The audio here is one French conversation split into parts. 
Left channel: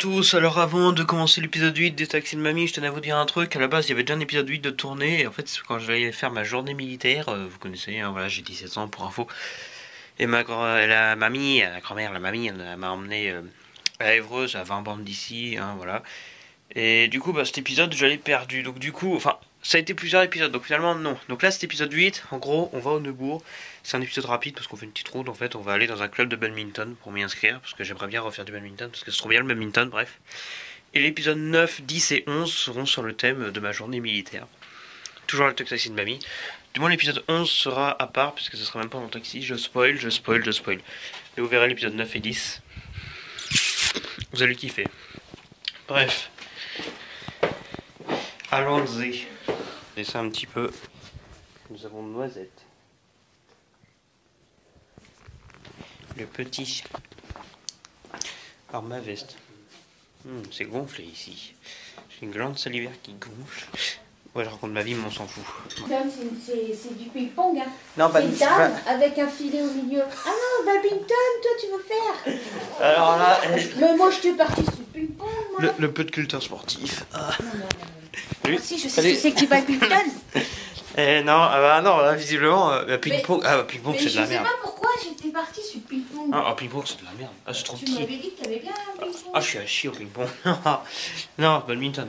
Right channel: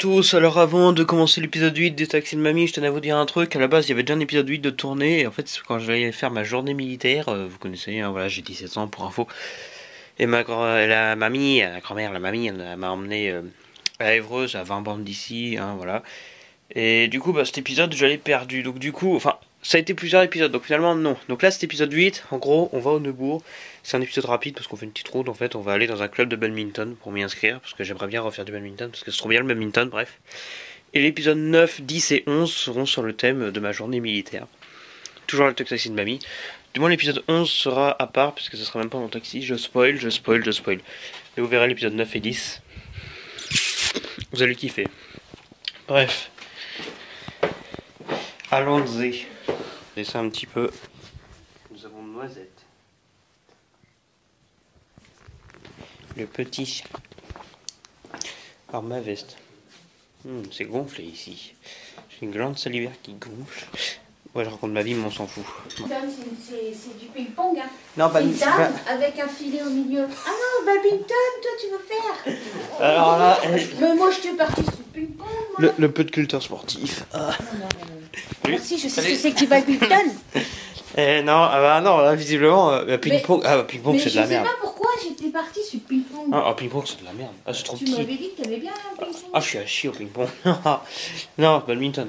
à tous, alors avant de commencer l'épisode 8 des Taxis de Mamie, je tenais à vous dire un truc. À la base, il y avait déjà un épisode 8 de tournée, et en fait, quand j'allais faire ma journée militaire, vous connaissez, hein, voilà, j'ai 17 ans pour info, et la grand-mère, la mamie, elle m'a emmené à Évreux, à 20 bandes d'ici, hein, voilà. Et du coup, cet épisode, je l'ai perdu, donc du coup, ça a été plusieurs épisodes, donc finalement, non. Donc là, cet épisode 8, en gros, on va au Neubourg. C'est un épisode rapide parce qu'on fait une petite route, en fait. On va aller dans un club de badminton pour m'y inscrire, parce que j'aimerais bien refaire du badminton, parce que c'est trop bien le badminton, bref. Et l'épisode 9, 10 et 11 seront sur le thème de ma journée militaire. Toujours avec le taxi de mamie. Du moins, l'épisode 11 sera à part, puisque ce sera même pas mon taxi. Je spoil. Et vous verrez l'épisode 9 et 10. Vous allez kiffer. Bref. Allons-y. Et ça un petit peu. Nous avons Noisette. Le petit. Alors ma veste. C'est gonflé ici. J'ai une glande salivaire qui gonfle. Ouais, je raconte ma vie, mais on s'en fout. C'est du ping-pong, hein. Non, c'est dame avec un filet au milieu. Ah non, badminton, toi tu veux faire. Alors là... Mais moi je t'ai parti sur le ping-pong, le peu de culture sportif. Non. Merci, je sais ce que c'est que du badminton. Non, non, là, visiblement, ping-pong, ping-pong c'est de la merde. Mais je sais pas pourquoi j'étais partie sur le ping-pong. Ping-pong c'est de la merde. C'est trop petit. Tu m'avais dit que t'aimais bien un ping-pong. Je suis à chier au ping-pong. Non, badminton.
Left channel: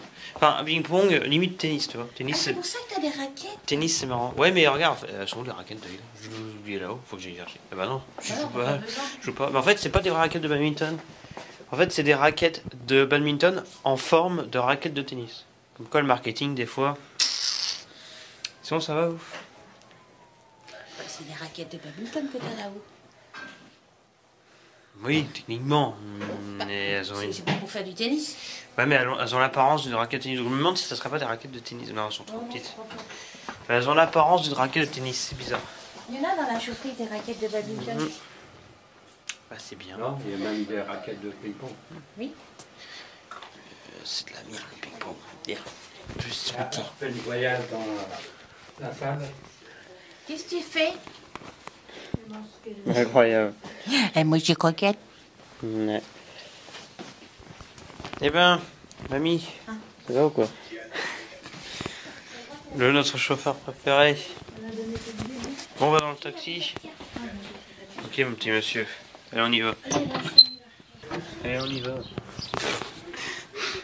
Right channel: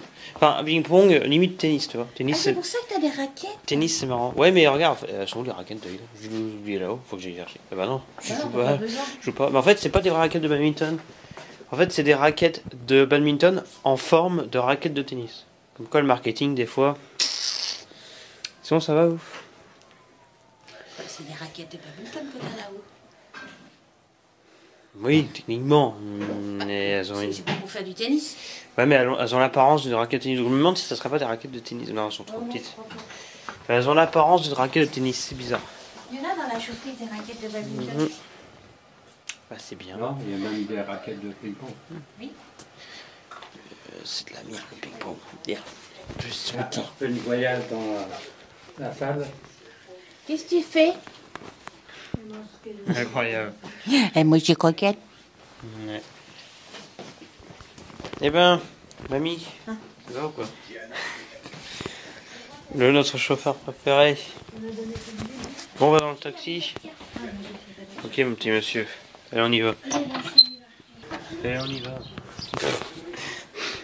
Ping-pong, limite tennis, tu vois. Tennis, c'est pour ça que t'as des raquettes. Tennis, c'est marrant. Ouais, mais regarde, elles sont où les raquettes, t'as vu? Je vais oublier là-haut, faut que j'aille chercher. Non, je joue pas. Mais en fait, c'est pas des raquettes de badminton. En fait, c'est des raquettes de badminton en forme de raquettes de tennis. Comme quoi, le marketing, des fois... Sinon, ça va, ouf. C'est des raquettes de badminton que t'as là-haut. Oui, techniquement. Mais c'est pas pour faire du tennis. Ouais, mais elles ont l'apparence d'une raquette de tennis. Je me demande si ça serait pas des raquettes de tennis. Non, elles sont trop petites. Elles ont l'apparence d'une raquette de tennis, c'est bizarre. Il y en a dans la chaufferie des raquettes de badminton. C'est bien. Non, il y a même des raquettes de ping-pong. Oui. C'est de la merde, le ping-pong. Juste petit. On fait du voyage dans la salle. Qu'est-ce que tu fais? Incroyable. Et moi, je suis croquette. Ouais. Eh ben, mamie, ça va ou quoi? Notre chauffeur préféré. Bon, on va dans le taxi. Ok, mon petit monsieur. Allez, on y va.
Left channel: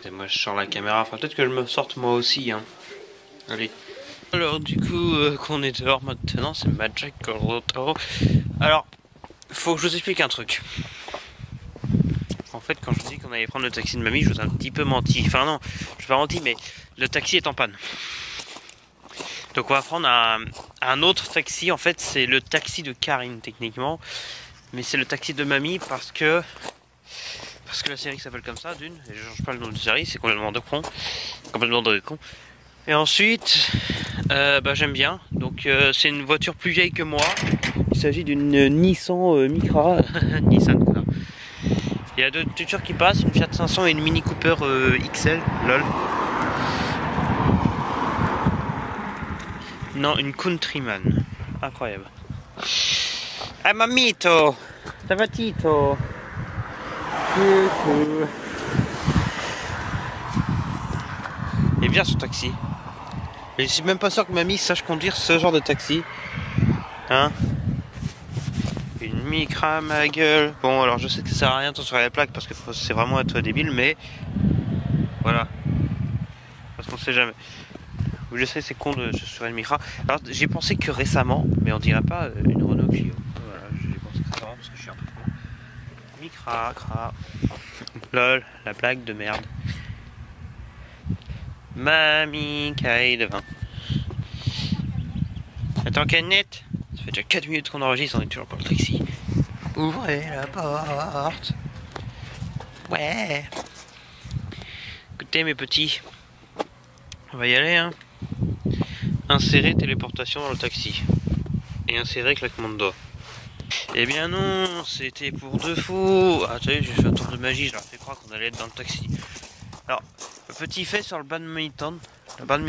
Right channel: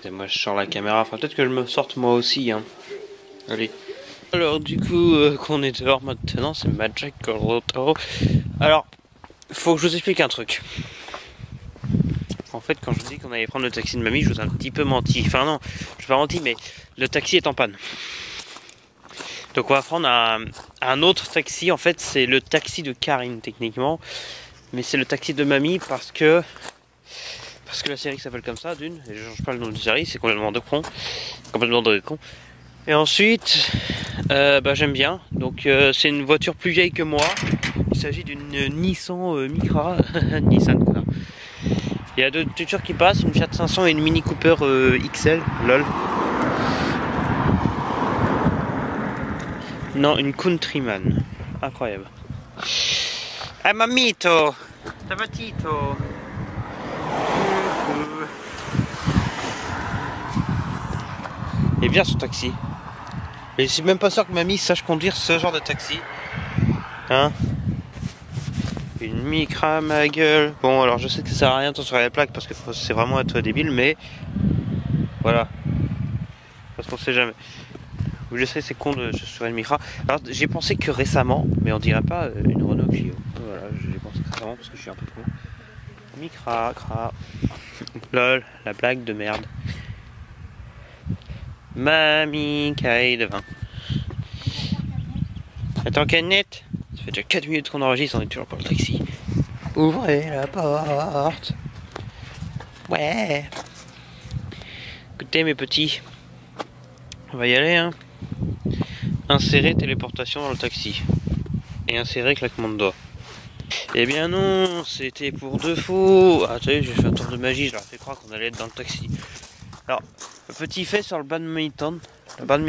Et moi, je sors la caméra. Peut-être que je me sorte moi aussi, hein. Allez. Alors, du coup, qu'on est dehors maintenant, c'est Magic Roto. Alors, faut que je vous explique un truc. En fait, quand je vous dis qu'on allait prendre le taxi de mamie, je vous ai un petit peu menti. Enfin non, je n'ai pas menti, mais le taxi est en panne. Donc on va prendre un autre taxi. En fait, c'est le taxi de Karine, techniquement. Mais c'est le taxi de mamie parce que la série s'appelle comme ça, d'une. Je change pas le nom de la série, c'est complètement de con. Et ensuite, j'aime bien. Donc c'est une voiture plus vieille que moi. Il s'agit d'une Nissan Micra. Nissan, quoi. Il y a deux voitures qui passent, une Fiat 500 et une Mini Cooper XL, lol. Non, une Countryman. Incroyable. Ah, mamito! Ça va, Tito? Et bien, ce taxi. Et je suis même pas sûr que mamie sache conduire ce genre de taxi. Hein? Une Micra, ma gueule. Bon, alors je sais que ça sert à rien de sur la plaque parce que c'est vraiment être débile, mais voilà. Parce qu'on sait jamais. Je sais, c'est con de sur une Micra. Alors j'ai pensé que récemment, mais on dirait pas une Renault Clio. Voilà, j'ai pensé que récemment parce que je suis un peu con. Micra, cra. Lol, la blague de merde. Mamie, caille de vin. Attends, canette. Ça fait déjà 4 minutes qu'on enregistre, on est toujours pas le taxi. Ouvrez la porte. Ouais. Écoutez mes petits. On va y aller, hein. Insérer téléportation dans le taxi. Et insérer claquement de doigts. Eh bien non, c'était pour de faux. Attendez, j'ai fait un tour de magie, je leur ai fait croire qu'on allait être dans le taxi. Alors, petit fait sur le badminton. Alors,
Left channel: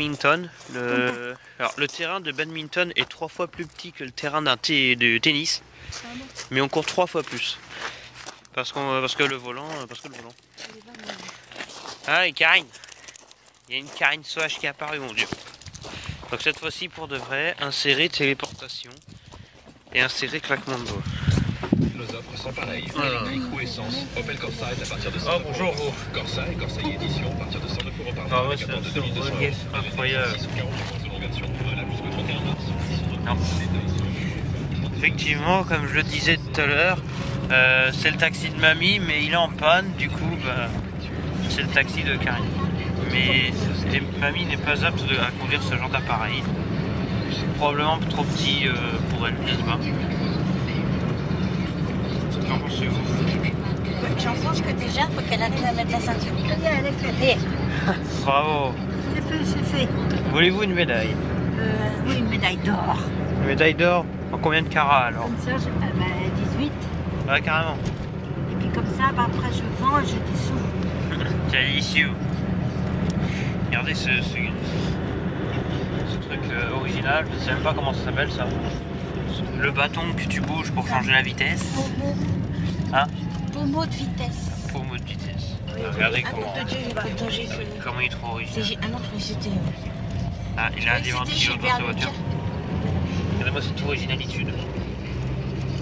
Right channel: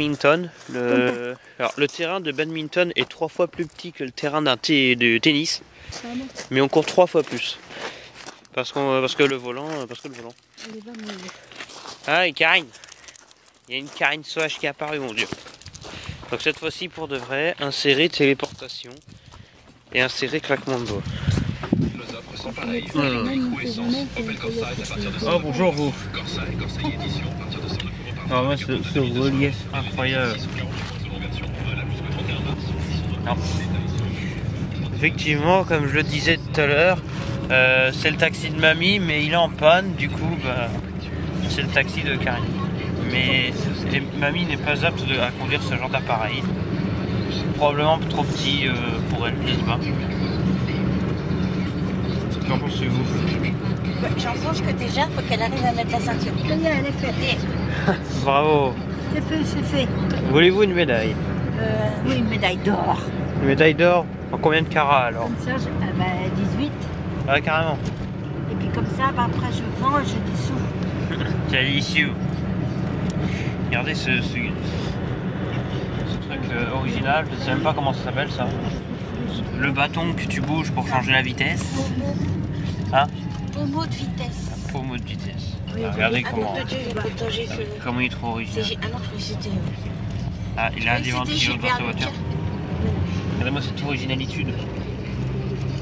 le terrain de badminton est 3 fois plus petit que le terrain de tennis. Mais on court 3 fois plus. Parce que le volant. Ah, et Karine. Il y a une Karine Sauvage qui est apparue, mon dieu. Donc cette fois-ci, pour de vrai, insérer téléportation et insérer claquement de doigts. Nos offres sont pareilles. Électrique ou essence. Opel Corsa est à partir de 100 Oh, bonjour vous. Corsa et Corsa e-Edition à partir de 109 € par mois. Ah ouais, c'est relief incroyable. Non. Effectivement, comme je le disais tout à l'heure, c'est le taxi de mamie, mais il est en panne, du coup, bah, c'est le taxi de Karine. Mais mamie n'est pas apte à conduire ce genre d'appareil. Probablement trop petit pour elle, n'est-ce pas? Qu'en pensez-vous? J'en pense que déjà, il faut qu'elle arrive à mettre la ceinture. Elle est faite. Bravo. C'est fait. Voulez-vous une médaille? Oui, une médaille d'or. Une médaille d'or? En combien de carats alors? Comme ça, 18. Ah, carrément. Et puis comme ça, après je vends et je dissous. C'est délicieux. Regardez ce truc original, je sais même pas comment ça s'appelle ça. Le bâton que tu bouges pour changer la vitesse. Ah, Pommeau de vitesse. pommeau de vitesse. Ah, regardez comment il est trop original. Ah non, je c'était... Ah, il a un des ventilos dans sa voiture. Regardez-moi cette originalitude.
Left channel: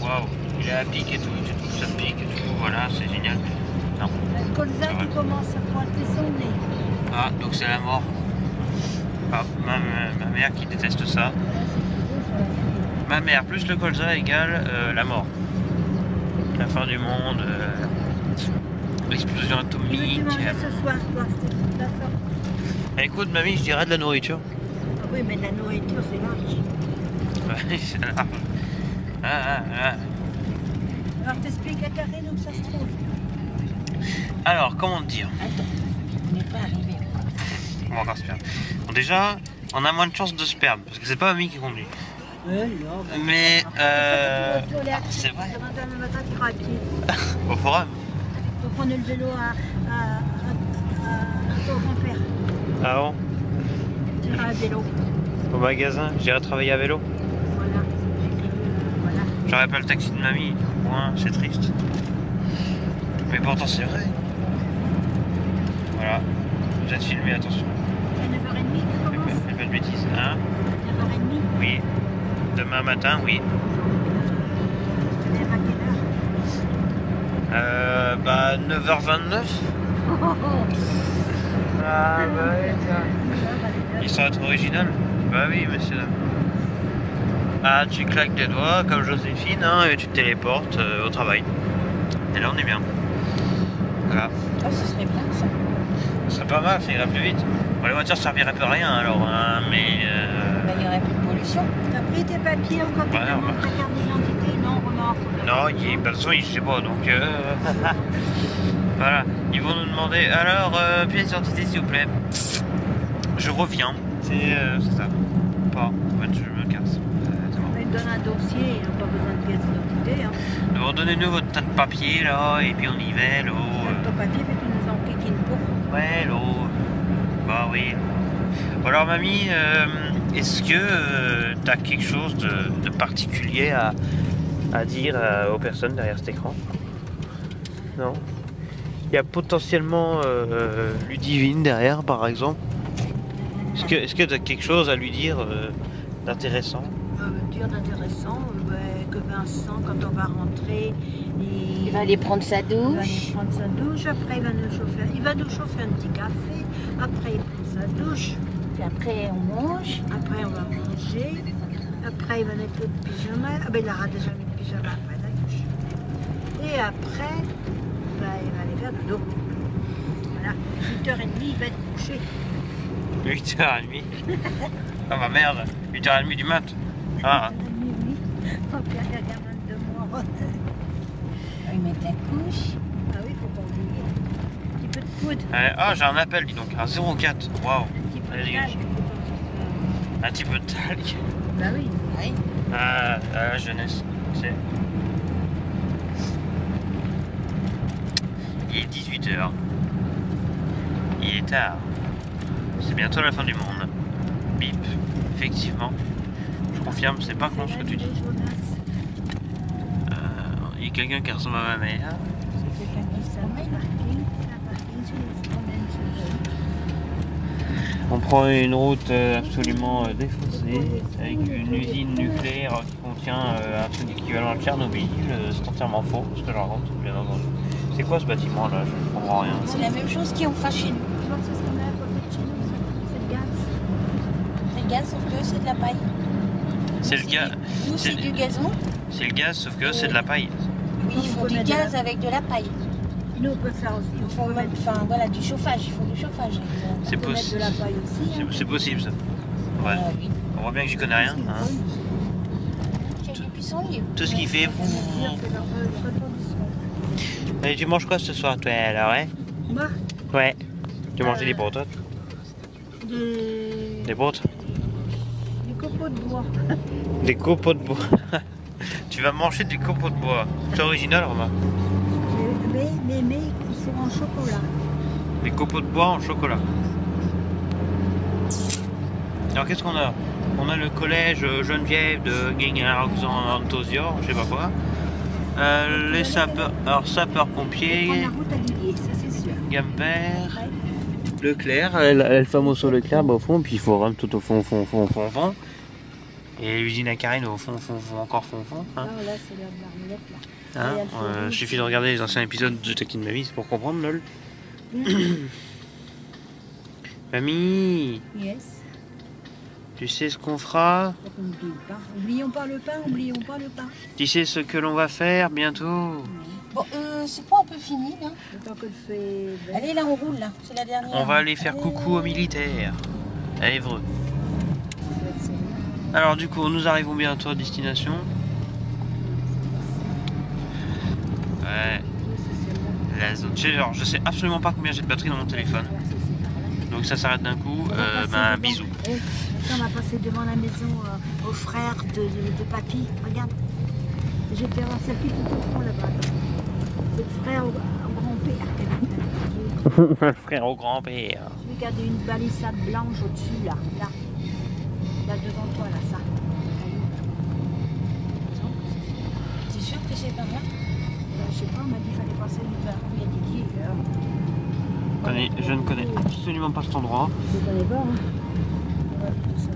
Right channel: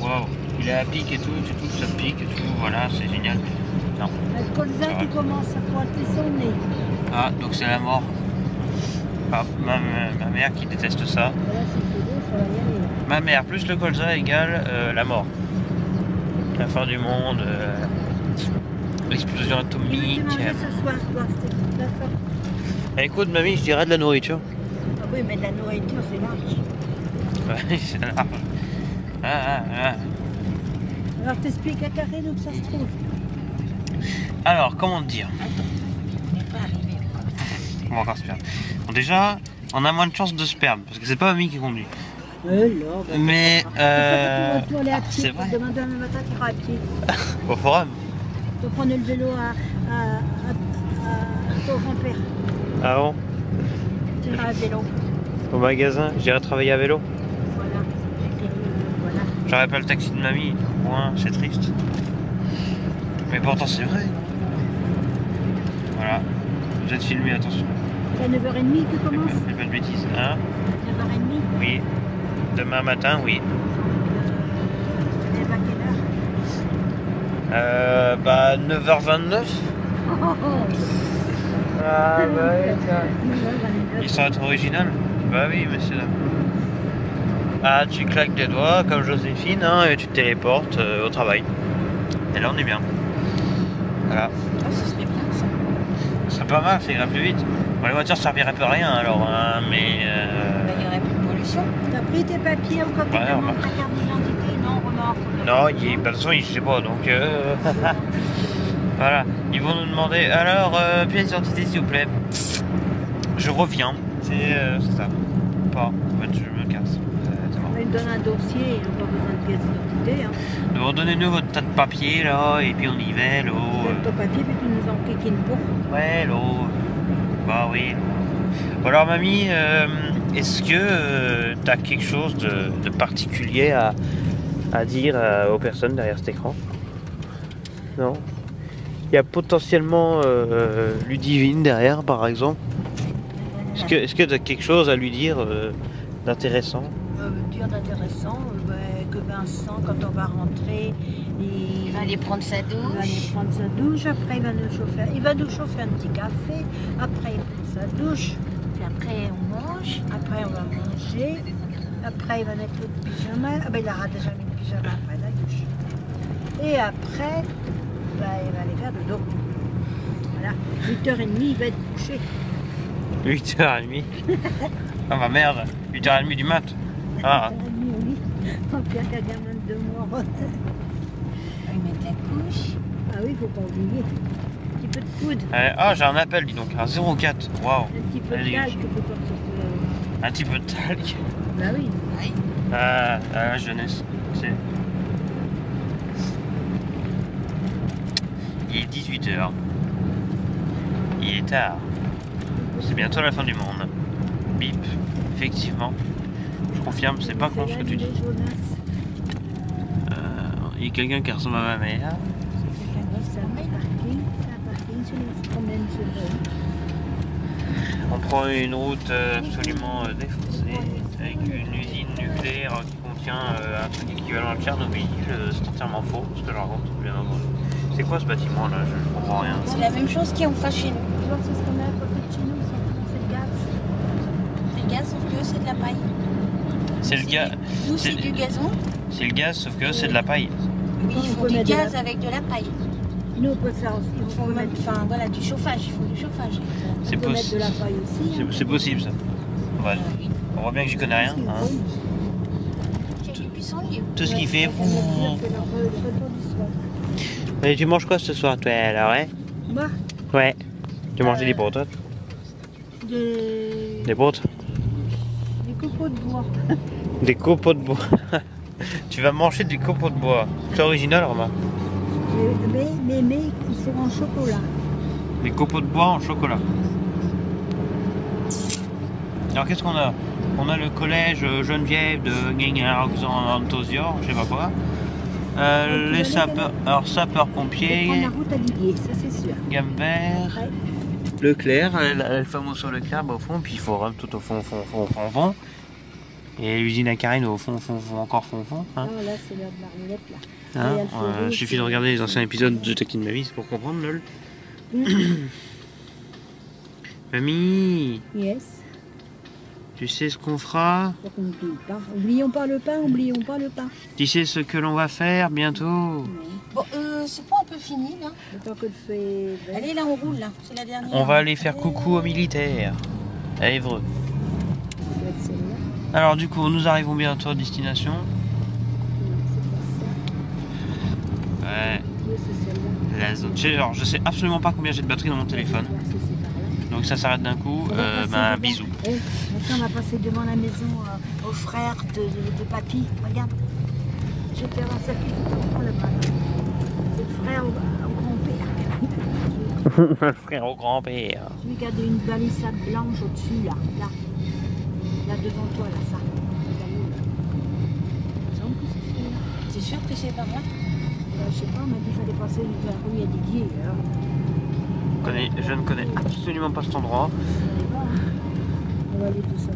Waouh, il est à pic et tout, ça pique et tout, voilà, c'est génial. Non. Le colza qui commence à pointer son nez. Ah, donc c'est la mort. Ah, ma mère qui déteste ça. Ma mère plus le colza égale la mort. La fin du monde, l'explosion atomique. Ce soir, d'accord. Écoute, mamie, je dirais de la nourriture. Ah oui, mais de la nourriture, c'est large. Ouais, c'est large. Ah. Alors, t'expliques à Karine où ça se trouve. Alors, comment te dire? Attends, on n'est pas arrivé. On va encore se perdre. Bon, déjà, on a moins de chances de se perdre, parce que c'est pas mamie qui conduit. Non, Mais, c'est vrai. Demander à mon matin qui ira à pied. Au forum. Faut prendre le vélo à ton grand-père. Ah bon? Tu iras à vélo. Au magasin, j'irai travailler à vélo. Voilà. J'aurais pas le taxi de mamie. Point, c'est triste. Mais pourtant, c'est vrai. Voilà. Je vais te filmer, attention. C'est à 9h30 que tu commences? Fais pas de bêtises, hein? 9h30? Oui. Demain matin, oui. Tu lèves à quelle heure? Bah, 9h29. Ah, bah oui, ça. Ils sont être original? Bah oui, monsieur. Ah, tu claques des doigts comme Joséphine, hein, et tu te téléportes au travail. Et là, on est bien. Voilà. Oh, ce serait bien ça. Ce serait pas mal, ça irait plus vite. Bon, les voitures serviraient pas à rien alors, hein, mais. Ben, il n'y aurait plus de pollution. T'as pris tes papiers au copie Ouais, de ta carte d'identité? Non, remarque. Non, il y a personne, je sais pas, donc. Voilà. Ils vont nous demander alors, pièce d'identité s'il vous plaît. Je reviens. C'est ça. Pas. En fait, je me casse. Il me donne un dossier, il n'a pas besoin de pièce d'identité. Hein. Donc, donnez-nous votre tas de papier là, et puis on y va, là. Ton papier, puis tu nous en piques une pour. Ouais, là. Bah oui. Bon, alors, mamie, est-ce que t'as quelque chose de particulier à dire aux personnes derrière cet écran? Non? Il y a potentiellement Ludivine derrière, par exemple. Est-ce que tu as quelque chose à lui dire d'intéressant? Dire d'intéressant, que Vincent, quand on va rentrer, il va aller prendre sa douche. Après il va nous chauffer un petit café, après il prend sa douche, puis après on mange, après on va manger, après il va mettre le pyjama, il aura déjà mis le pyjama après la douche. Et après, il va aller faire dodo. Voilà, 8h30, il va être couché. 8h30. Ah bah merde, 8h30 du mat. Ah. Oui. Oh, puis la gamine de moi. Il met ta couche. Ah oui, faut pas oublier. Un petit peu de poudre. Ah, j'ai un appel, dis donc, un 04. Waouh. Un petit peu de talc, faut pas que ce soit... Un petit peu de talc. Bah oui. Ah, la jeunesse. Il est 18h. Il est tard. C'est bientôt la fin du monde. Bip. Effectivement. Je confirme, c'est pas con ce que tu dis. Il y a quelqu'un qui ressemble à ma mère. ils se promènent sur eux. On prend une route absolument défoncée avec une usine nucléaire qui contient un truc équivalent à Tchernobyl. C'est entièrement faux ce que je raconte, bien entendu. C'est quoi ce bâtiment là? Je comprends rien. C'est la même chose qui en face chez nous. Tu vois, c'est ce qu'on a à côté de chez nous, ça, c'est le gaz. C'est le gaz, sauf que c'est de la paille. C'est le gaz. Nous, c'est du gazon. C'est le gaz, sauf que c'est de la paille. Oui, ils font du gaz avec de la paille. Nous, on peut faire aussi. Ils font mettre, enfin, voilà, du chauffage. Ils font du chauffage. C'est peut mettre de la paille aussi. Hein. C'est possible ça. Ouais. Oui. On voit bien que j'y connais rien. Hein. Tout ce qu'il fait. Et tu manges quoi ce soir, toi, alors, ouais? Moi? Ouais. Tu manges des brottes, toi? Des brottes? Des copeaux de bois. Des copeaux de bois. Tu vas manger du copeau de bois. C'est original, remarque. Mais qui sont en chocolat. Des copeaux de bois en chocolat. Alors qu'est-ce qu'on a? On a le collège Geneviève de Guingamp-Antosior, je sais pas quoi. Les sapeurs, alors sapeurs-pompiers. On la route à Liguier, ça c'est sûr. Gambert. Ouais. Leclerc, le fameux Leclerc bah, au fond, puis il faut vraiment tout au fond. Et l'usine à Carine au fond, encore fond. Hein. Ah là c'est la marionnette là. Hein, suffit de regarder les anciens épisodes de Taquine ma vie pour comprendre, lol. Mamie, Yes. tu sais ce qu'on fera? Oublions pas le pain. Tu sais ce que l'on va faire bientôt? Bon, c'est pas un peu fini là? Allez là, on roule là, c'est la dernière. On va aller faire coucou aux militaires, à Évreux. Alors du coup, nous arrivons bientôt à destination. Ouais. La zone. Alors, je sais absolument pas combien j'ai de batterie dans mon téléphone. Donc ça s'arrête d'un coup. Bisous. On va passer devant la maison aux frères de papy. Regarde. J'ai fait un circuit tout au fond là-bas. C'est le frère au grand-père. Frère au grand-père. Celui qui a une balissade blanche au-dessus là. Là devant toi là, ça. C'est sûr que c'est pas moi? Je sais pas, on m'a dit qu'il fallait passer vers où il y a des guiers. Je ne connais absolument pas cet endroit. Je ne connais pas, hein. On va aller tout seul.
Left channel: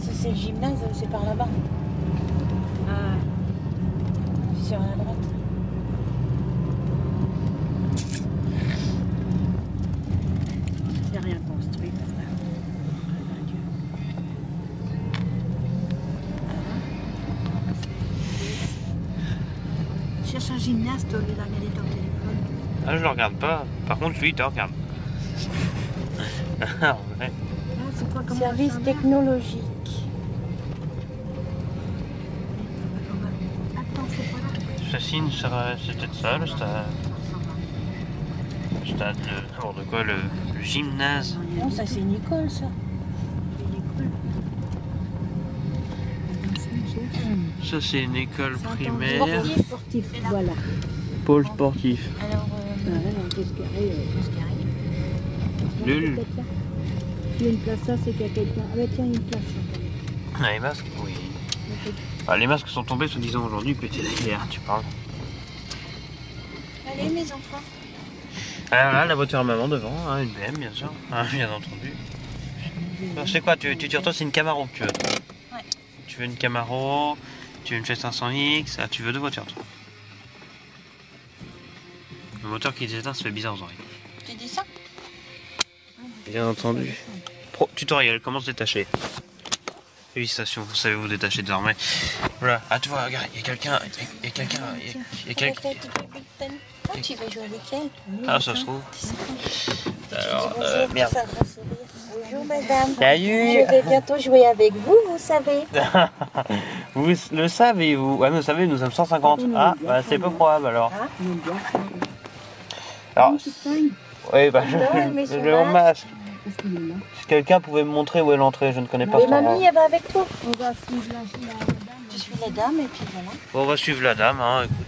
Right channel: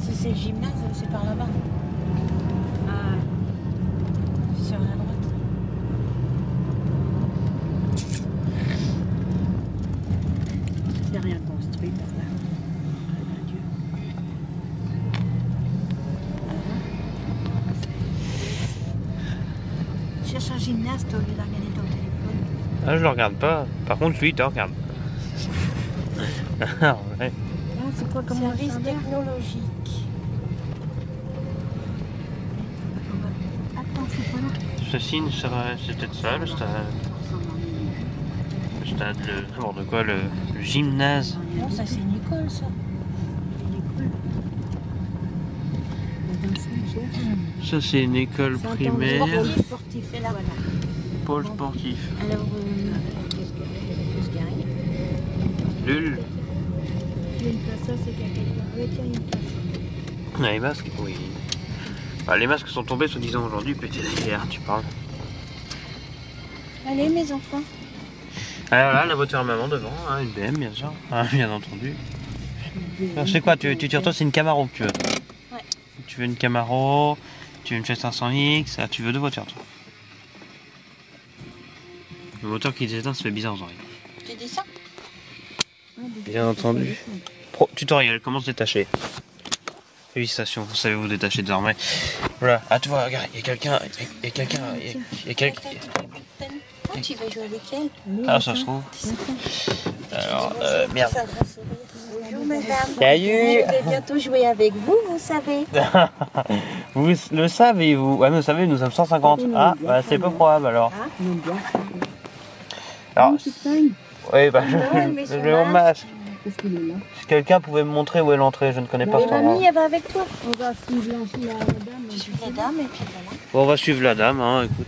Si c'est le gymnase, c'est par là-bas. Ah. Sur la droite. C'est rien construit par là. Cherche un gymnaste au lieu de regarder ton téléphone. Ah, je le regarde pas. Par contre, lui, il te regarde. Ah, ouais. C'est quoi comme service technologique? Attends, c'est pas là. Châssis, c'est peut-être ça, le stade. Le stade, n'importe quoi, le gymnase. Non, ça c'est une école, ça. Ça, c'est une école primaire. Pôle sportif, voilà. Pôle sportif. Alors, Lul. il y a une place, ça c'est qu'il y a quelqu'un. Ah, tiens, une place. Ah, les masques, oui. Ah, les masques sont tombés, soi-disant, aujourd'hui, pété derrière, tu parles. Allez, mes enfants. Alors là, la voiture à maman devant, hein, une BM, bien sûr. Ah, bien entendu. Alors, c'est quoi, tu retournes, c'est une Camaro que tu veux? Ouais. Tu veux une Camaro, tu veux une Fiat 500X, ah, tu veux deux voitures, toi. Le moteur qui s'éteint, ça fait bizarre aux oreilles. J'ai dit ça? Bien entendu. Tutoriel, comment se détacher. Félicitations, vous savez vous détacher désormais. Voilà, ah tu vois, regarde, il y a quelqu'un, Oh, tu vas jouer avec elle? Ah, ça se trouve. Alors, merde. Bonjour madame. Salut. Je vais bientôt jouer avec vous, vous savez. Vous le savez, vous? Ouais, mais vous savez, nous sommes 150. Ah, bah, c'est peu probable alors. Ah, on aime bien ça. Alors, oui, bah, je mets mon masque. Si quelqu'un pouvait me montrer où est l'entrée, je ne connais pas Et cet endroit. mamie, elle va avec toi. On va suivre la dame. Je suis la dame et puis voilà. Bon, on va suivre la dame, hein, écoute.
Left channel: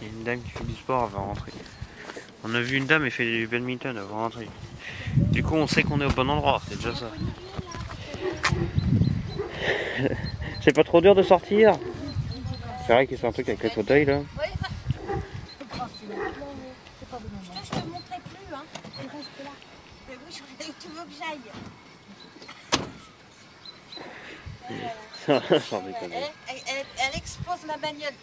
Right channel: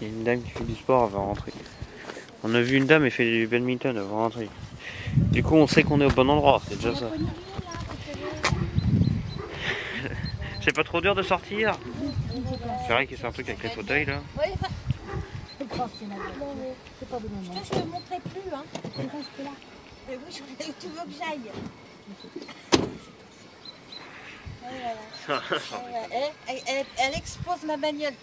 Il y a une dame qui fait du sport, elle va rentrer. On a vu une dame, elle fait du badminton, elle va rentrer. Du coup, on sait qu'on est au bon endroit, c'est déjà ça. C'est pas trop dur de sortir? C'est vrai que c'est un truc avec les fauteuils, là. C'est pas bon moment. Je ne le montrerai plus, hein. C'est bon, ce là. Mais oui, tu veux que j'aille. Elle expose ma bagnole.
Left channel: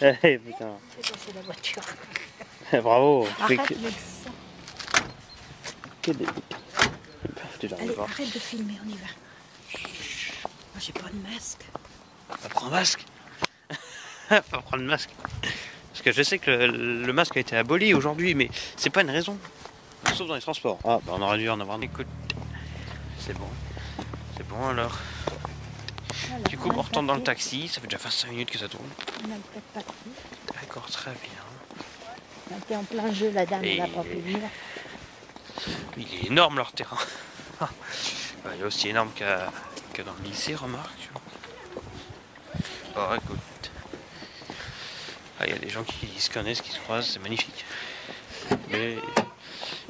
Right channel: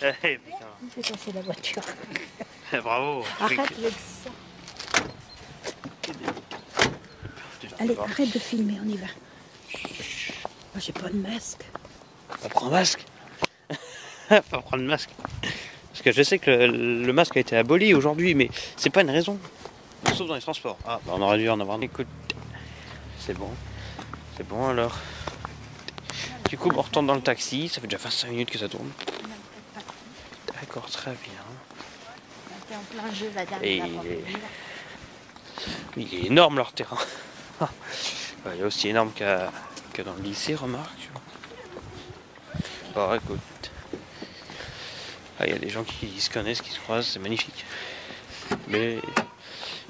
Allez, vas-y. Fais passer la voiture. Bravo. Arrête avec ça. Allez, arrête de filmer, on y va. Moi, j'ai pas de masque. On prend un masque. Faut prendre le masque. Parce que je sais que le masque a été aboli aujourd'hui, mais c'est pas une raison. Sauf dans les transports. Ah, bah on aurait dû en avoir. Écoute, c'est bon. C'est bon alors. Du coup, on retourne dans le taxi. Ça fait déjà 25 minutes que ça tourne. D'accord, très bien. On était en plein jeu, la dame n'a pas pu venir. Il est énorme leur terrain. Il est aussi énorme que dans le lycée, remarque. Bon, écoute. Il y a des gens qui se connaissent, qui se croisent, c'est magnifique. Mais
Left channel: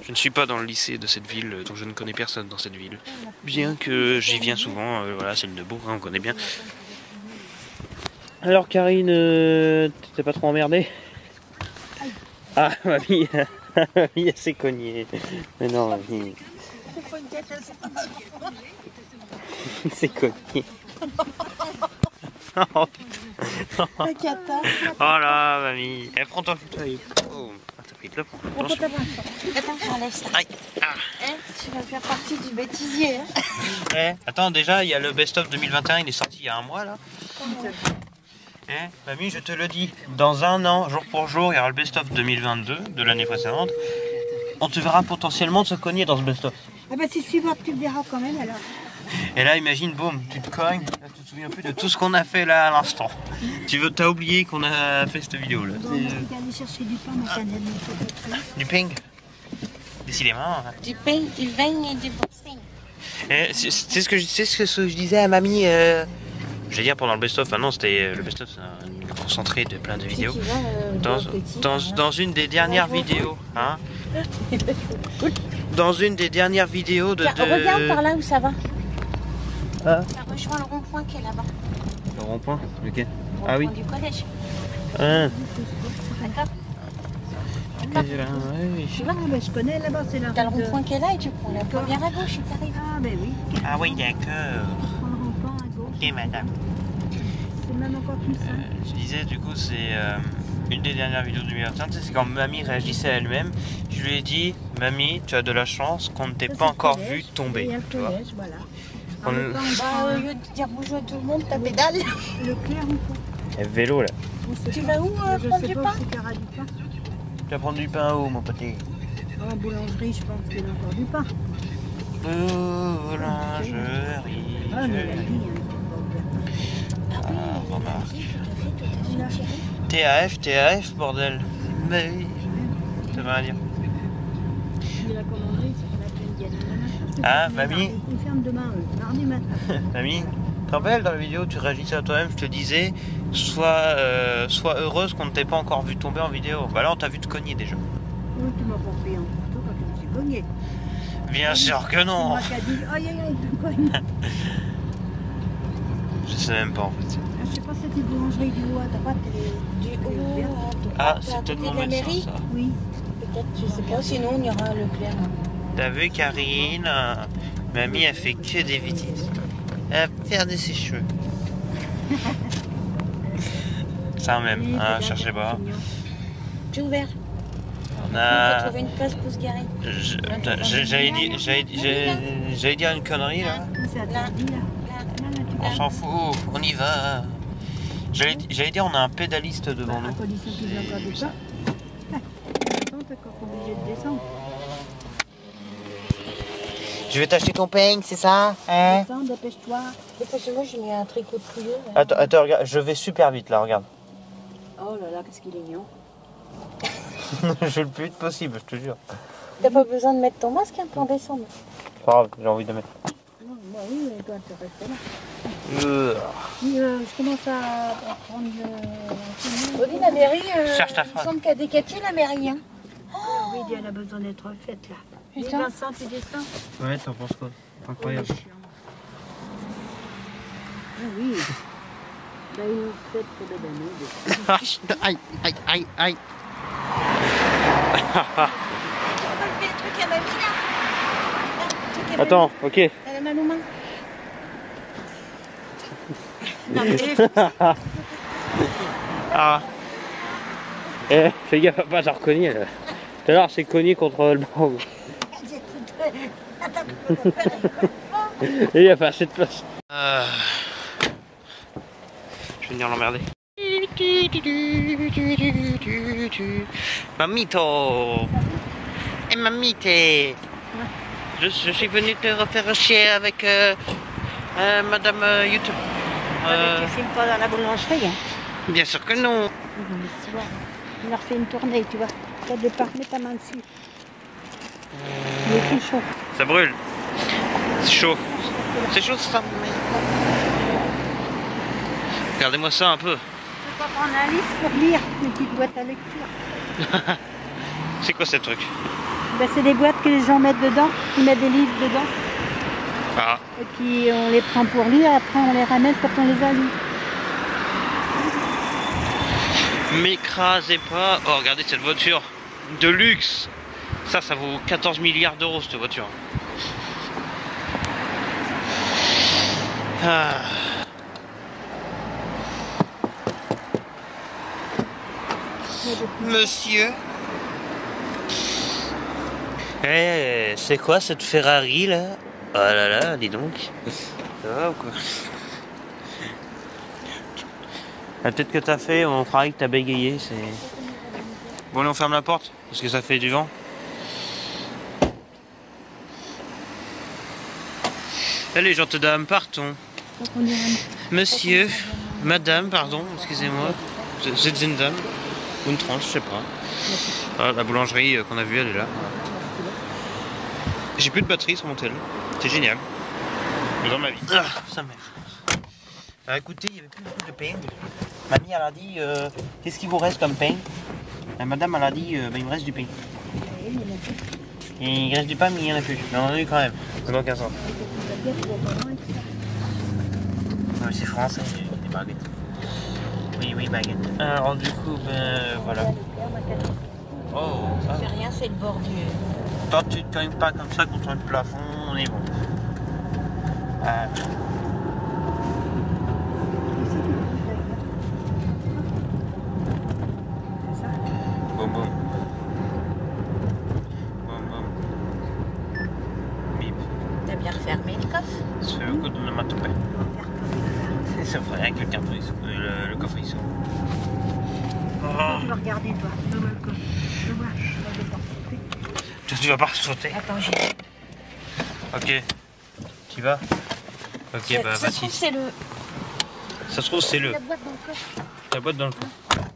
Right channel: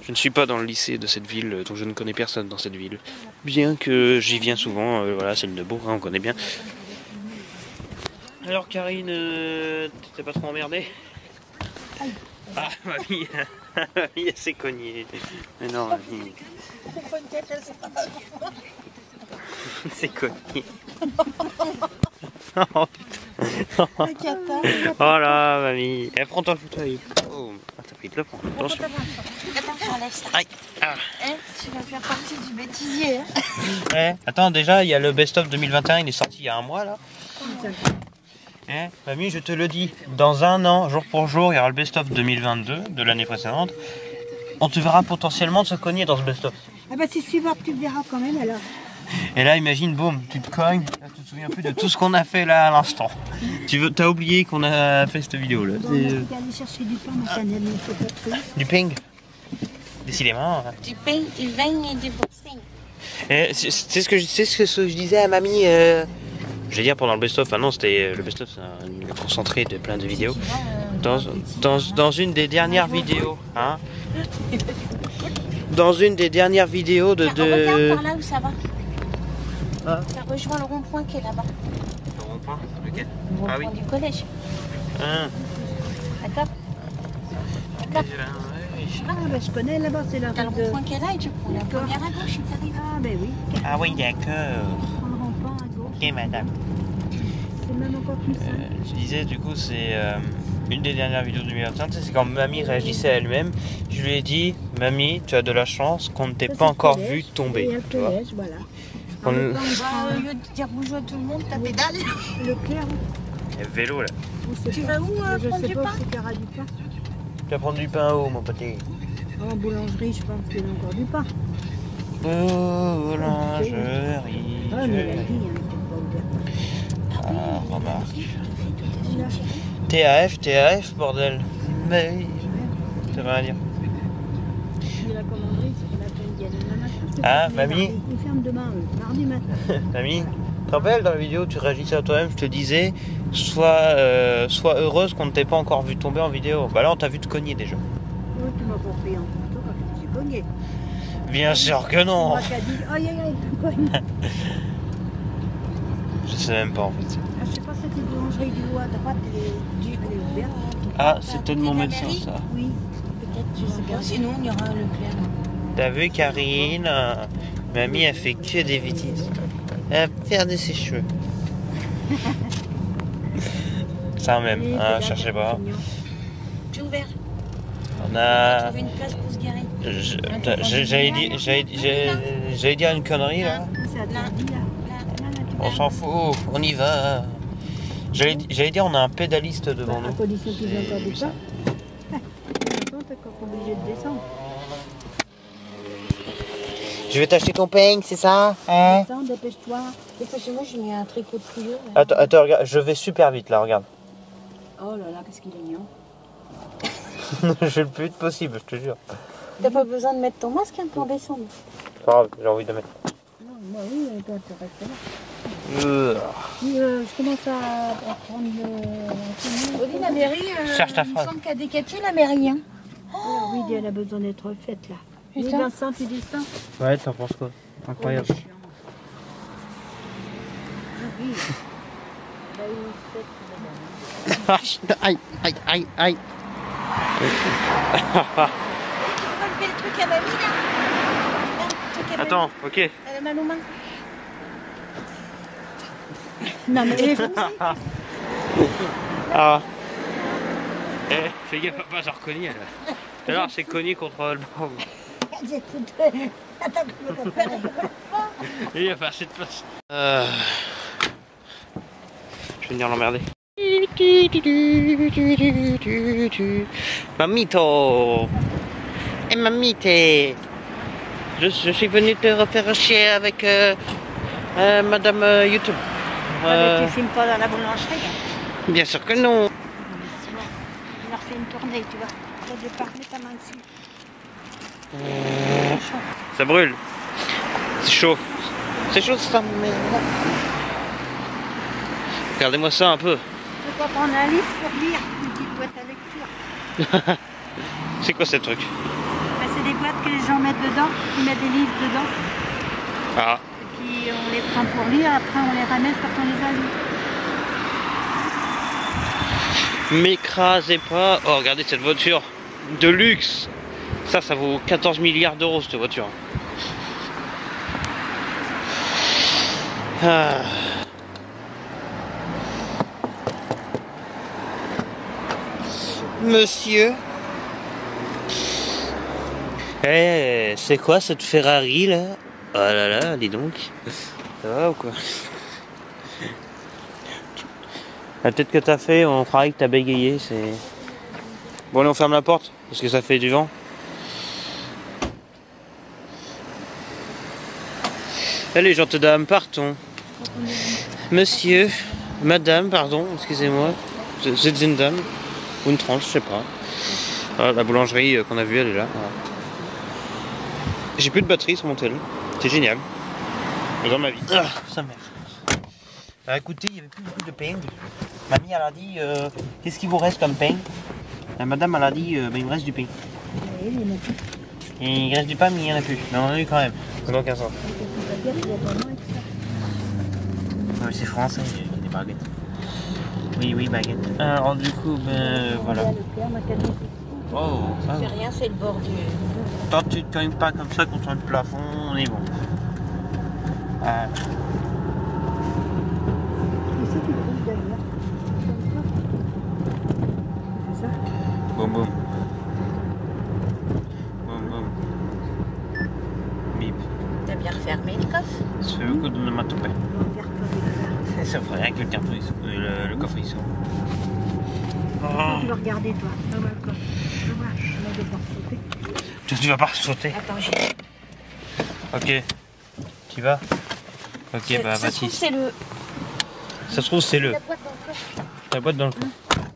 je ne suis pas dans le lycée de cette ville, donc je ne connais personne dans cette ville. Bien que j'y viens souvent, voilà, c'est le Neubourg, hein, on connaît bien. Alors Karine, t'es pas trop emmerdée? Ah, mamie, mamie, elle s'est cognée. Mais non, mamie. C'est cogné. Oh là, mamie. Elle prend ton fauteuil. Oh, t'as pris de le prendre. Attention. Aïe. Ah. Tu vas faire partie du bêtisier. Attends, déjà, il y a le best-of 2021, il est sorti il y a un mois, là. Mamie, je te le dis, dans un an, jour pour jour, il y aura le best-of 2022 de l'année précédente. On te verra potentiellement te cogner dans ce best-of. Ah bah si tu vas, tu le verras quand même alors. Et là, imagine, boum, tu te cognes, là, tu te souviens plus de tout ce qu'on a fait là à l'instant. T'as oublié qu'on a fait cette vidéo là. Bon, on va aller chercher du pain, ma canette, mais faut pas trop. Du ping. Décidément. Du pain, du vin et du boxing. C'est ce que je disais à mamie. Je vais dire pendant le best-of. Ah non, c'était le best-of, c'est un concentré de plein de vidéos. Dans une des dernières vidéos, hein. Dans une des dernières vidéos de. Regarde par là où ça va. Ah. Ça rejoint le rond-point qui est là-bas. Le rond-point, lequel? Le rond-point du collège. D'accord. Oui. Je connais là-bas, c'est là. T'as le rond-point qui est là et tu prends la première à gauche. Ah, ben oui. Ah oui, d'accord. Ok, madame. C'est même encore plus simple. Je disais, du coup, c'est une des dernières vidéos de 2021. C'est quand mamie réagissait à elle-même. Je lui ai dit, mamie, tu as de la chance qu'on ne t'ait pas encore vu tomber. Tu vois. Voilà. Au lieu de dire bonjour à tout le monde, t'as pédale. Le clair ou pas. Vélo là. Tu vas où prendre du pain? Tu vas prendre du pain où, mon poté? En boulangerie, je pense qu'il y a encore du pain. Boulangerie. Ah, mais la vie, ah, remarque. TAF, bordel. Mais oui, ça va dire. La commanderie, c'est ah, mamie. Ils ferment demain, mardi matin. Mamie, tu te rappelles dans la vidéo, tu réagissais à toi-même, je te disais, sois heureuse qu'on ne t'ait pas encore vu tomber en vidéo. Bah là, on t'a vu te cogner déjà. Oui, tu m'as pas pris en photo quand je me suis cogné. Bien sûr que non. Moi qui a dit, aïe aïe aïe, tu me cognes. Je sais même pas en fait. Je sais pas, c'était boulangerie du roi, t'as pas de ah, c'est peut-être mon médecin ça. Oui, peut-être, je sais pas, sinon on ira à Leclerc. T'as vu Karine, mamie a fait que des bêtises. Elle a perdu ses cheveux. Ça même, hein, cherchez pas. J'ai ouvert. On a... trouvé une place pour se garer. J'allais dire une connerie là. On s'en fout, on y va. J'allais dire on a un pédaliste devant nous. À condition qu'il vient pas descendre. T'es encore obligé de descendre. Je vais t'acheter ton peigne, c'est ça? Hein? Descends, dépêche-toi. Dépêche-moi, j'ai mis un tricot de trio. Attends, regarde, je vais super vite là, regarde. Oh là là, qu'est-ce qu'il est mignon. Je vais le plus vite possible, je te jure. T'as pas besoin de mettre ton masque hein, pour descendre. C'est pas grave, j'ai envie de le mettre. Non, bah oui, toi, tu restes là. Je commence à prendre oui, la mairie, cherche ta il me phrase. semble qu'à Descatiers, la mairie. Hein. Oh oui, elle a besoin d'être refaite là. Putain. Vincent, tu dis ça? Ouais, t'en penses quoi? Incroyable. Ah oui. Ben, ils nous souhaitent pour les années. Aïe, aïe, aïe, aïe. Tu le truc à mamie, là? Attends, ok. Elle a mal aux mains. Non, mais elle est fou. Ah. Eh, fais gaffe à pas te recogner là. Tout à l'heure, c'est cogné contre le banc. J'ai cru que... Attends, je peux pas faire. Et il n'y a pas assez de place. Je vais venir l'emmerder. Mamito. Eh mamite. Je suis venu te refaire chier avec Madame YouTube. Tu filmes pas dans la boulangerie, hein? Bien sûr que non. On leur fait une tournée, tu vois. Toi de part, mets ta main dessus. C'est chaud. Ça brûle. C'est chaud. C'est chaud ça. Regardez-moi ça un peu. Faut pas prendre un livre pour lire, une petite boîte à lecture. C'est quoi ce truc? Ben, c'est des boîtes que les gens mettent dedans, ils mettent des livres dedans. Ah. Et puis on les prend pour lire, après on les ramène quand on les a lus. M'écrasez pas. Oh, regardez cette voiture de luxe. Ça vaut 14 milliards d'euros cette voiture. Ah. Monsieur. Eh, c'est quoi cette Ferrari là? Oh là là, dis donc. Ça va ou quoi? La tête que t'as fait, on croirait que t'as bégayé, c'est... Bon, allez, on ferme la porte, parce que ça fait du vent. Allez, gentes dames, partons. Monsieur, madame, pardon, excusez-moi. Vous êtes une dame, ou une tranche, je sais pas. Voilà, la boulangerie qu'on a vue, elle est là. J'ai plus de batterie sur mon téléphone. C'est génial. Mais dans ma vie. Ah, ça merde. Alors écoutez, il n'y avait plus beaucoup de pain. Mamie, elle a dit, qu'est-ce qu'il vous reste comme pain? La madame, elle a dit, il me reste du pain. Il reste du pain, mais il n'y en a plus. Mais on en a eu quand même. Ça n'a aucun sens. Oui, c'est français, les baguettes. Oui, oui, baguettes. Alors du coup, ben voilà. Oh, ça. C'est rien, c'est le bord du... Quand tu ne cognes pas comme ça contre le plafond, on est bon. Boum boum. Boum boum. Bip. T'as bien refermé le coffre? C'est le coup de ma toupette. C'est vrai, avec le carton, le coffre ici. Tu vas regarder toi, dans le coffre. Je vois, je vais pas sauter. Tu vas pas sauter? Attends, je... Ok. Tu vas? Ok, bah ça se trouve, c'est le... Ça se trouve, c'est le... La boîte dans le coffre. La boîte dans le coffre.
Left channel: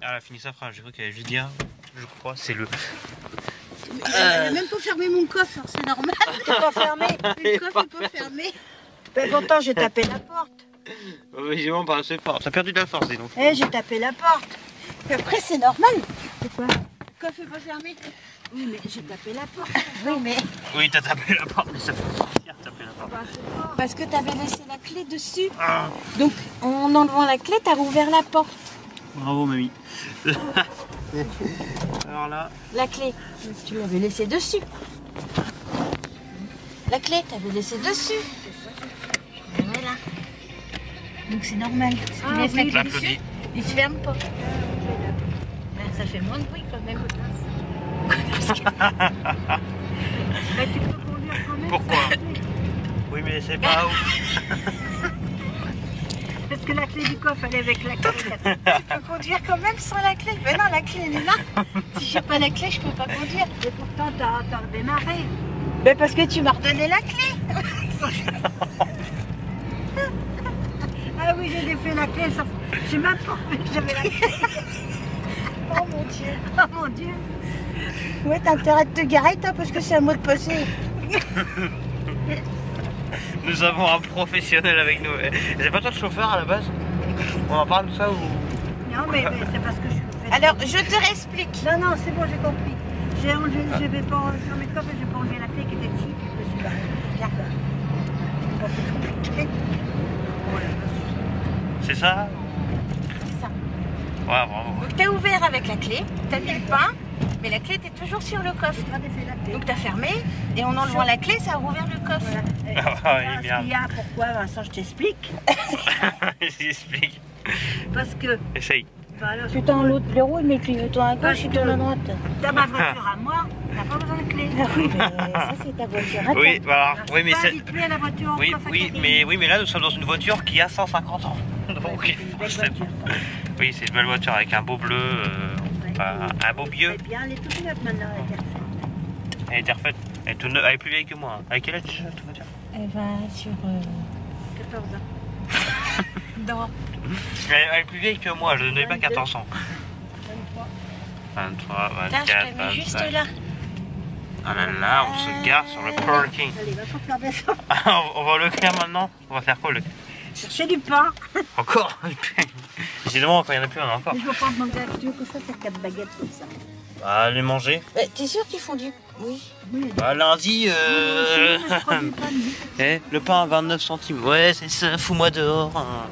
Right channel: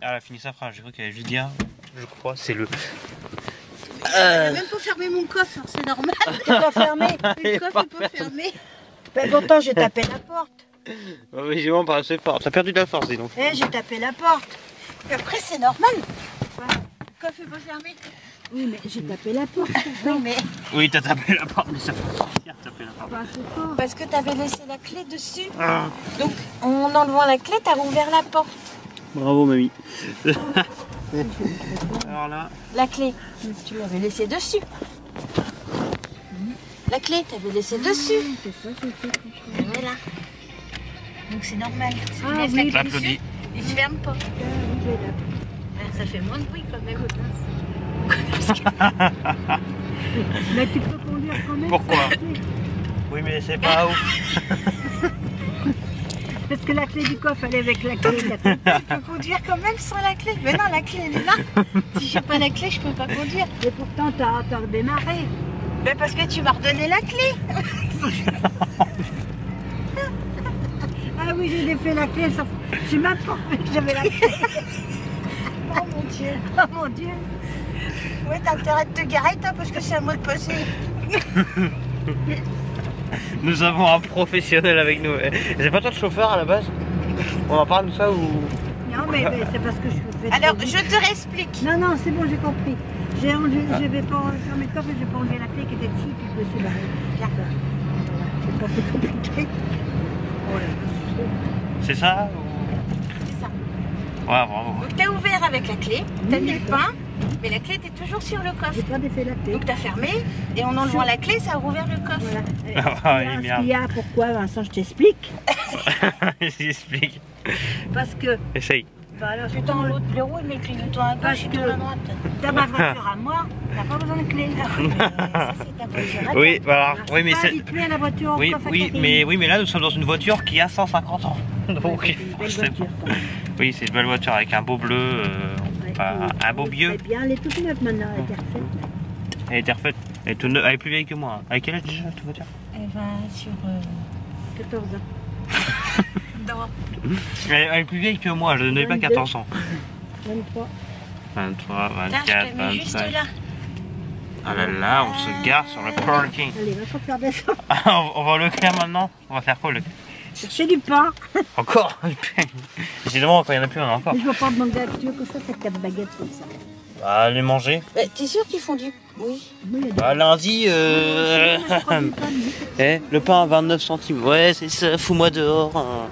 Ah, elle a fini sa phrase, j'ai cru qu'elle avait Vidia. Je crois, c'est le... Elle a même pas fermé mon coffre, hein, c'est normal. T'as pas fermé. Le coffre est pas fermé. Ben pourtant, j'ai tapé la porte. Bah oui, j'ai vraiment pas assez fort. T'as perdu de la force, dis donc. Eh, j'ai tapé la porte. Et après, c'est normal. C'est quoi? Le coffre est pas fermé. Oui, mais j'ai tapé la porte. Oui, mais... Oui, t'as tapé la porte, mais ça fait plaisir de taper la porte. Bah, c'est fort. Parce que t'avais laissé la clé dessus. Ah. Donc, en enlevant la clé, t'as rouvert la porte. Bravo, mamie. Alors là... La clé, tu l'avais laissée dessus. La clé, t'avais laissé dessus. Et voilà. Donc c'est normal. Si tu laisses la clé J'applaudis. dessus, il se ferme pas. Ça fait moins de bruit quand même. Mais tu peux conduire quand même. Pourquoi? Oui, mais c'est pas ouf. Parce que la clé du coffre, elle est avec la clé. Tu peux conduire quand même sans la clé. Mais non, la clé, elle est là. Si j'ai pas la clé, je peux pas conduire. Et pourtant, t'as redémarré. Mais parce que tu m'as redonné la clé. Ah oui, j'ai défait la clé. J'ai même pas fait que j'avais la clé. Oh mon Dieu. Oh mon Dieu. Ouais, t'as intérêt de te garer, toi, parce que c'est un mot de passé. Nous avons un professionnel avec nous. C'est pas toi le chauffeur à la base? On en parle de ça ou... Non, mais c'est parce que je fais... Alors, je te réexplique. Non, non, c'est bon, j'ai compris. Je vais pas sur mes coffres, je vais pas enlever la clé qui était dessus, puis je me suis barré. Regarde là. C'est pas fait compliqué. C'est ça ou... Ouais, bravo. Donc t'as ouvert avec la clé, t'as mis le pain, mais la clé était toujours sur le coffre. Donc t'as fermé, et en enlevant la clé, ça a rouvert le coffre. Voilà. Ce qu'il y a, pourquoi, Vincent, je t'explique. J'explique. Parce que... Essaye. Alors, je tends l'autre verrou, mais clignotant à gauche et tout à droite. T'as ma voiture à moi, t'as pas besoin de clé. Oui, mais ça c'est ta voiture. Oui, alors, oui, mais c'est... à la voiture. Oui, mais là, nous sommes dans une voiture qui a 150 ans. Donc, c'est une belle voiture. Oui, c'est une belle voiture avec un beau bleu, un beau vieux. C'est bien, elle est toute neuve maintenant, elle est refaite. Elle était refaite. Elle est, toute neuve, elle est plus vieille que moi. Hein. Avec quel âge déjà, ta voiture? Elle va sur 14 ans. Non. Elle est plus vieille que moi, je n'ai pas 14 ans. 23. 23, Là, 24, je te mets juste 25. là. Ah là là, on se gare sur le parking. Allez, va faire descendre. Ah, on va le faire maintenant. On va faire quoi, le... Chercher du pain. Encore? Décidément, quand il n'y en a plus, on en a encore. Je vais pas demander à Dieu que ça, c'est 4 baguettes comme ça. Bah, les manger. T'es sûr qu'ils font du... Oui. Bah, lundi, le pain à 29 centimes. Ouais, c'est ça, fous-moi dehors. Hein.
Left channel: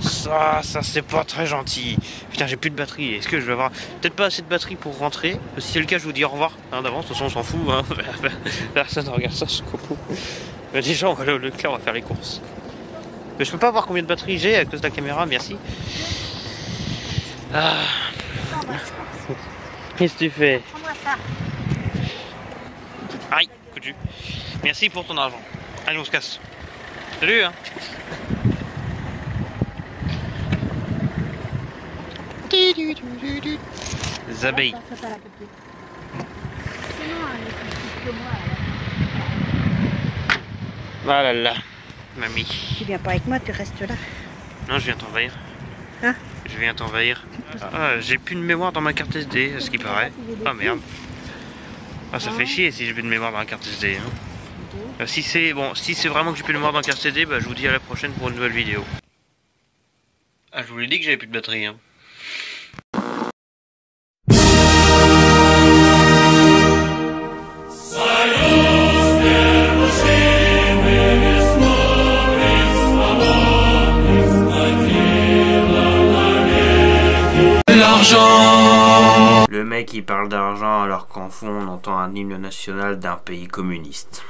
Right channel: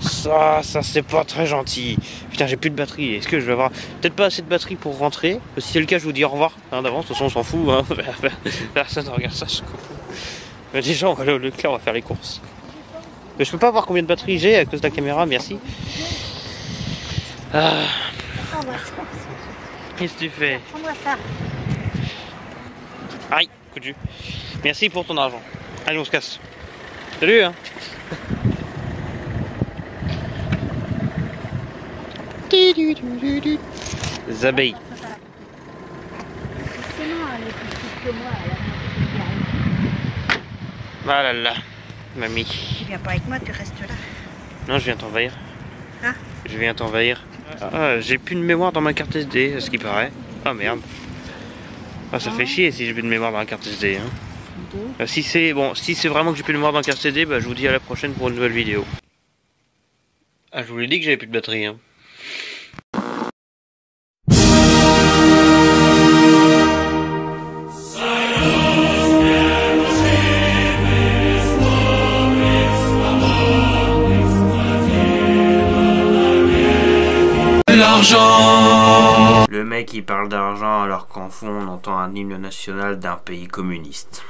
Ça, c'est pas très gentil. Putain, j'ai plus de batterie. Est-ce que je vais avoir peut-être pas assez de batterie pour rentrer? Si c'est le cas, je vous dis au revoir. Hein, d'avance, de toute façon, on s'en fout. Hein. Personne ne regarde ça, je comprends. Mais déjà, on va aller au Leclerc, on va faire les courses. Mais je peux pas voir combien de batterie j'ai à cause de la caméra, merci. Ah. Qu'est-ce que tu fais? Aïe, coup de jus. Merci pour ton argent. Allez, on se casse. Salut, hein. Les abeilles. Ah là là, mamie. Tu viens pas avec moi, tu restes là. Non, je viens t'envahir. Hein? Je viens t'envahir. Ah, j'ai plus de mémoire dans ma carte SD, à ce qui paraît. Ah merde. Ah, ça fait chier si j'ai plus de mémoire dans la carte SD. Hein. Si c'est vraiment que j'ai plus de mémoire dans la carte SD, bah, je vous dis à la prochaine pour une nouvelle vidéo. Ah, je vous l'ai dit que j'avais plus de batterie. Hein. L'argent. Le mec il parle d'argent alors qu'en fond on entend un hymne national d'un pays communiste.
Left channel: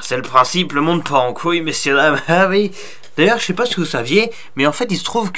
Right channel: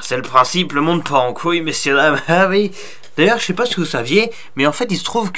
C'est le principe, le monde part en couille, messieurs dames. Ah oui. D'ailleurs, je sais pas si vous saviez, mais en fait il se trouve que